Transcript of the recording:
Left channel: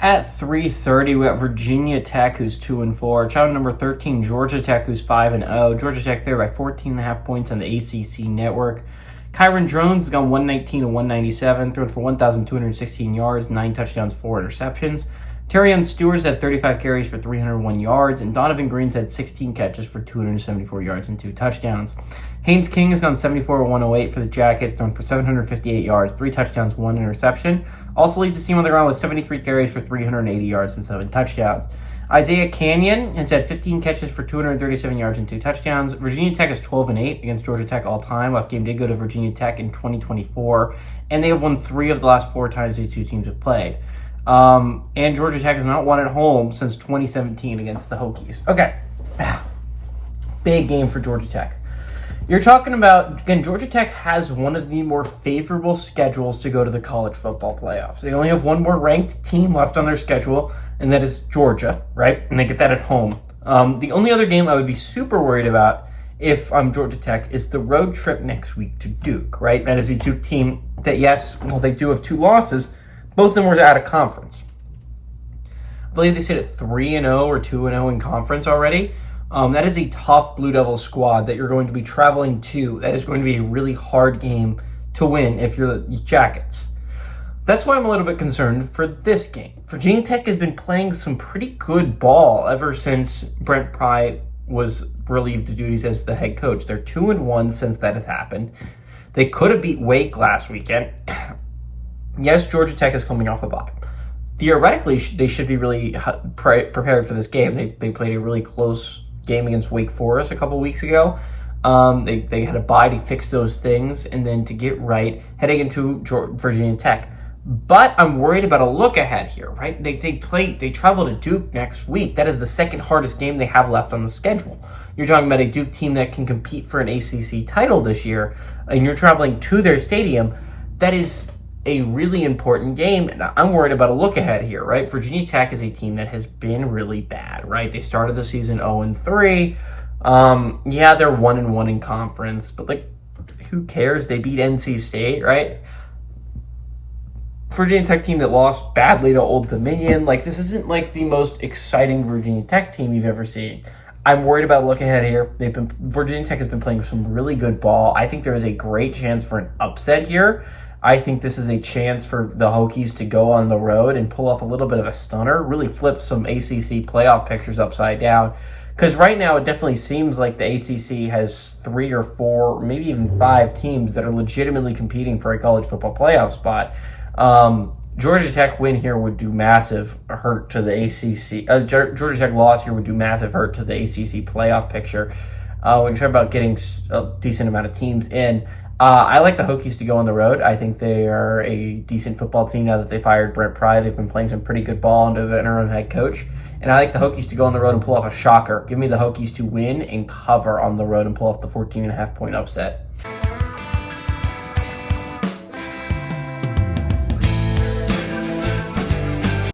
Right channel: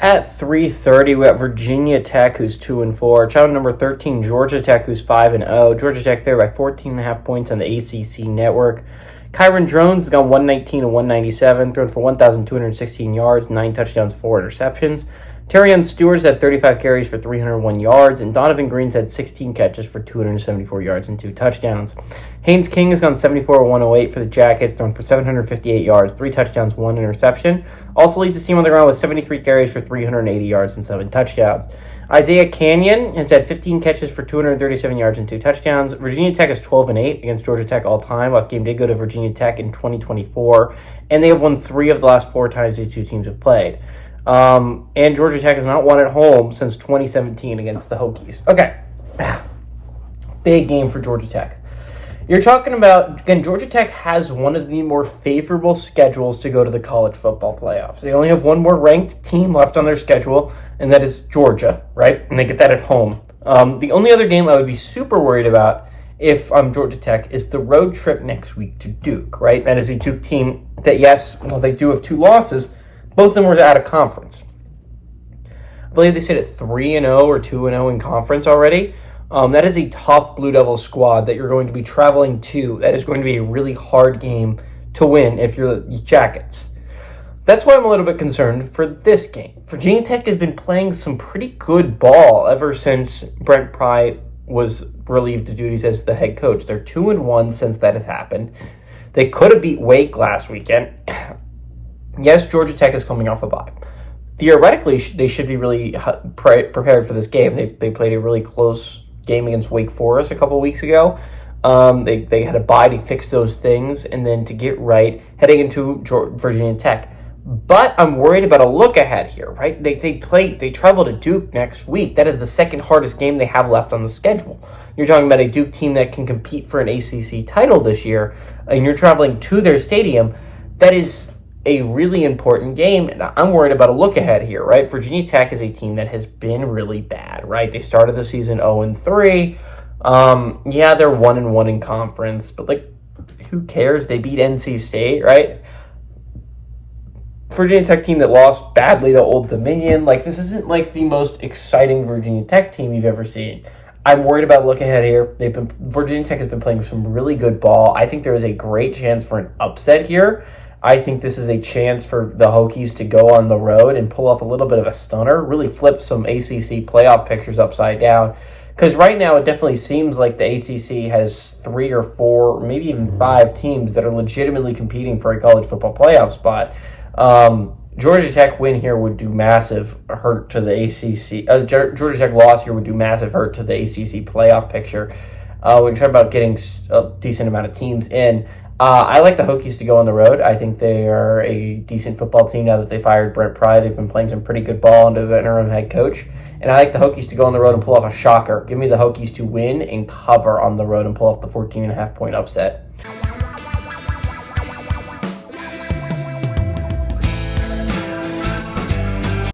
At 3:30, we got Virginia Tech, who's 2-4. Challenge number 13, Georgia Tech, who's 5-0. Georgia Tech favored by 14.5 points on the ACC network. Kyron Drones has gone 119 and 197, thrown for 1,216 yards, 9 touchdowns, 4 interceptions. Terrion Stewart's had 35 carries for 301 yards, and Donovan Green's had 16 catches for 274 yards and 2 touchdowns. Haynes King has gone 74-108 for the Jackets, thrown for 758 yards, 3 touchdowns, 1 interception. Also leads his team on the ground with 73 carries for 380 yards and 7 touchdowns. Isaiah Canyon has had 15 catches for 237 yards and 2 touchdowns. Virginia Tech is 12-8 against Georgia Tech all time. Last game did go to Virginia Tech in 2024, and they have won 3 of the last 4 times these two teams have played. And Georgia Tech has not won at home since 2017 against the Hokies. Okay. Big game for Georgia Tech. You're talking about, again, Georgia Tech has one of the more favorable schedules to go to the college football playoffs. They only have one more ranked team left on their schedule, and that is Georgia, right? And they get that at home. The only other game I would be super worried about if I'm Georgia Tech is the road trip next week to Duke, right? That is a Duke team that, yes, well, they do have 2 losses. Both of them were out of conference. I believe they sit at 3-0 or 2-0 in conference already. That is a tough Blue Devils squad that you're going to be traveling to. That is going to be a really hard game to win if you're the Jackets. That's why I'm a little bit concerned for this game. Virginia Tech has been playing some pretty good ball ever since Brent Pry was relieved of duties as the head coach. They're 2-1 since that has happened. They could have beat Wake last weekend. Yes, Georgia Tech is coming off a bye. Theoretically, they should be really prepared for this game. They played a really close game against Wake Forest a couple weeks ago. They had a bye to fix those things and then to get right heading into Virginia Tech. But I'm worried about a look ahead here, right? They travel to Duke next week. That is the second hardest game they have left on the schedule. You're talking about a Duke team that can compete for an ACC title this year, and you're traveling to their stadium. That is a really important game, and I'm worried about a look ahead here, right? Virginia Tech is a team that has been really bad, right? They started the season 0-3. Yeah, they're 1-1 in conference, but like, who cares? They beat NC State, right? Virginia Tech team that lost badly to Old Dominion. Like, this isn't like the most exciting Virginia Tech team you've ever seen. I'm worried about a look ahead here. Virginia Tech has been playing some really good ball. I think there is a great chance for an upset here. I think this is a chance for the Hokies to go on the road and pull off a little bit of a stunner, really flip some ACC playoff pictures upside down. Because right now it definitely seems like the ACC has 3 or 4, maybe even 5 teams that are legitimately competing for a college football playoff spot. Georgia Tech win here would do massive hurt to the ACC. Georgia Tech loss here would do massive hurt to the ACC playoff picture. When you talk about getting a decent amount of teams in, I like the Hokies to go on the road. I think they are a decent football team now that they fired Brent Pry. They've been playing some pretty good ball under the interim head coach. And I like the Hokies to go on the road and pull off a shocker. Give me the Hokies to win and cover on the road and pull off the 14.5 point upset.